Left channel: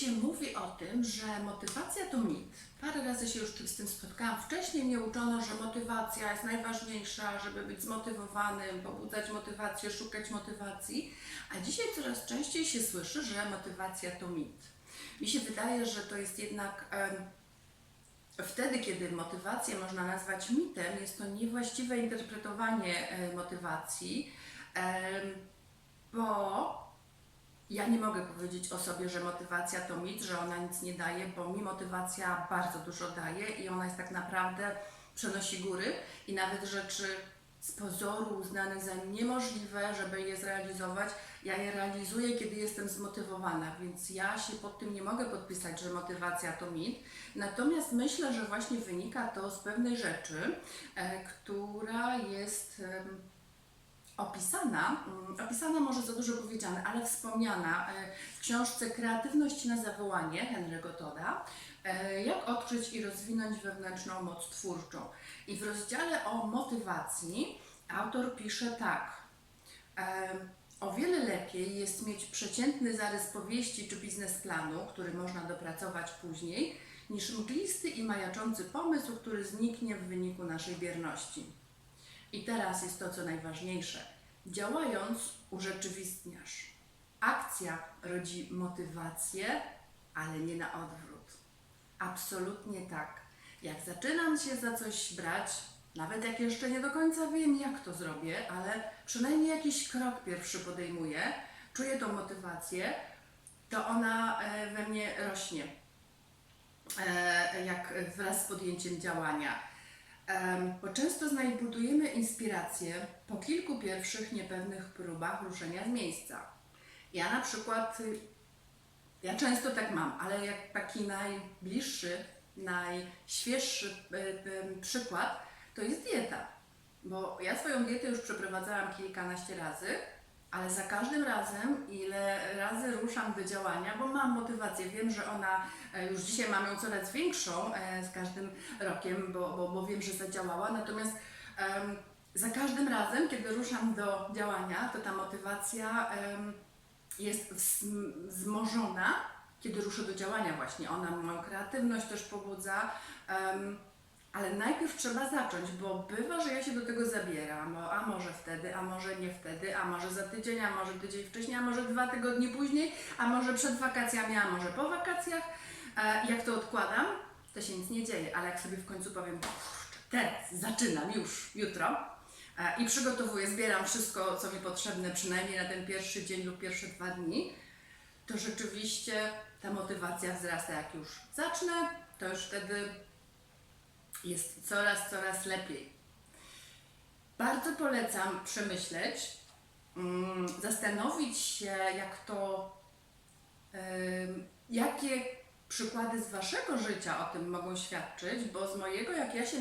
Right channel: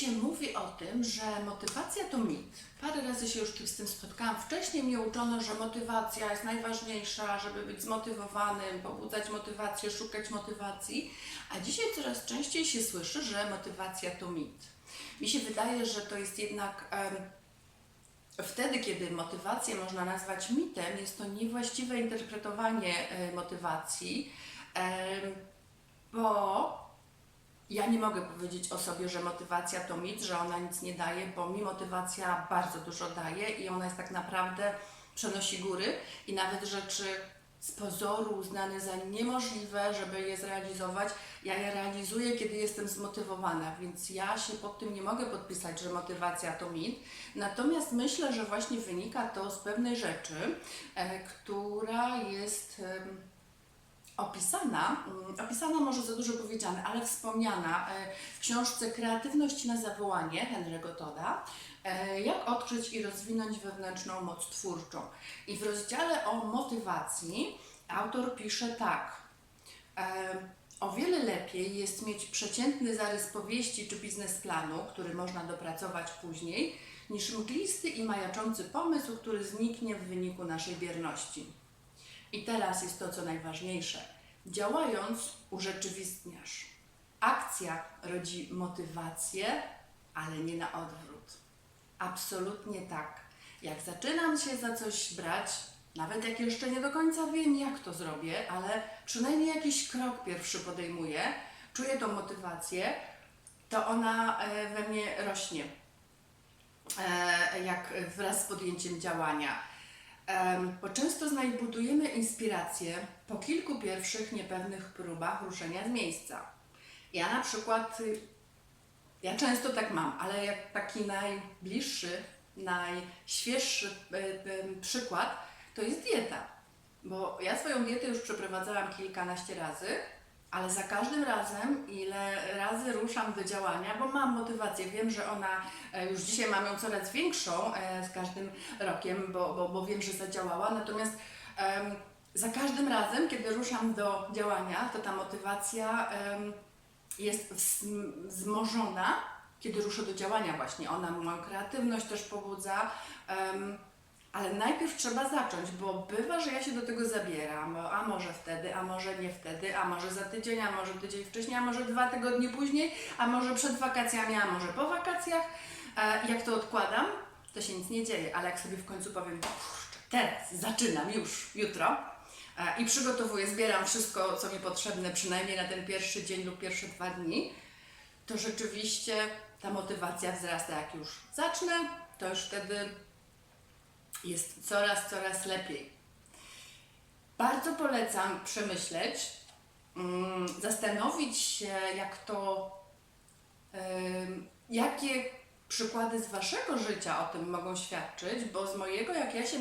się mówi o tym, że motywacja to mit. Parę razy się już z tym spotkałam. Wcześniej mnie uczono, że motywacja jest najważniejsza, żeby być zmotywowanym, pobudzać motywację, szukać motywacji, a dzisiaj coraz częściej się słyszy, że motywacja to mit. Mi się wydaje, że to jest jednak wtedy, kiedy motywację można nazwać mitem, jest to niewłaściwe interpretowanie motywacji, bo ja nie mogę powiedzieć o sobie, że motywacja to mit, że ona nic nie daje, bo mi motywacja bardzo dużo daje i ona jest tak naprawdę, przenosi góry i nawet rzeczy z pozoru uznane za niemożliwe, żeby je zrealizować, ja je realizuję, kiedy jestem zmotywowana, więc ja się pod tym nie mogę podpisać, że motywacja to mit. Natomiast myślę, że właśnie wynika to z pewnej rzeczy, która jest opisana może za dużo powiedziane, ale wspomniana w książce Kreatywność na zawołanie Henry'ego Todda, jak odkryć i rozwinąć wewnętrzną moc twórczą. I w rozdziale o motywacji autor pisze tak: o wiele lepiej jest mieć przeciętny zarys powieści czy biznesplanu, który można dopracować później, niż mglisty i majaczący pomysł, który zniknie w wyniku naszej bierności. I teraz jest to, co najważniejsze. Działając, urzeczywistniasz. Akcja rodzi motywację, ale nie na odwrót. Absolutnie tak. Jak zaczynam się za coś brać, nawet jak jeszcze nie do końca wiem, jak to zrobię, ale przynajmniej jakiś krok pierwszy podejmuję, czuję tą motywację, to ona we mnie rośnie, jak wraz z podjęciem działania. Bo często znajdujemy inspirację po kilku pierwszych niepewnych próbach ruszenia z miejsca. Ja na przykład, ja często tak mam, ale jak taki najbliższy, najświeższy przykład, to jest dieta. Bo ja swoją dietę już przeprowadzałam kilkanaście razy, ale za każdym razem, ile razy ruszam do działania, bo mam motywację, wiem, że ona, już dzisiaj mam ją coraz większą z każdym rokiem, bo wiem, że zadziałała, natomiast za każdym razem, kiedy ruszam do działania, to ta motywacja jest wzmożona, kiedy ruszę do działania właśnie. Ona moją kreatywność też pobudza, ale najpierw trzeba zacząć, bo bywa, że ja się do tego zabieram, a może wtedy, a może nie wtedy, a może za tydzień, a może tydzień wcześniej, a może 2 tygodnie później, a może przed wakacjami, a może po wakacjach. Jak to odkładam, to się nic nie dzieje, ale jak sobie w końcu powiem, kurczę, teraz zaczynam już, jutro i przygotowuję, zbieram wszystko, co mi potrzebne, przynajmniej na ten pierwszy dzień lub pierwsze 2 dni, to rzeczywiście ta motywacja wzrasta. Jak już zacznę, to już wtedy jest coraz lepiej. Bardzo polecam przemyśleć, zastanowić się, jakie przykłady z Waszego życia o tym mogą świadczyć, bo z mojego, jak ja się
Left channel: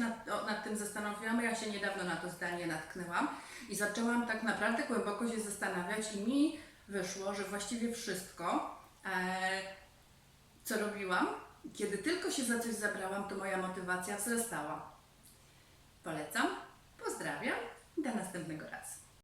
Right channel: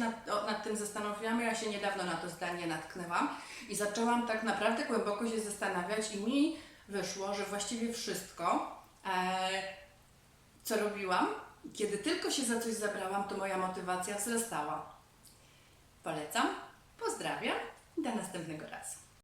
nad tym zastanowiłam, ja się niedawno na to zdanie natknęłam i zaczęłam tak naprawdę głęboko się zastanawiać i mi wyszło, że właściwie wszystko, co robiłam, kiedy tylko się za coś zabrałam, to moja motywacja wzrastała. Polecam, pozdrawiam i do następnego razu.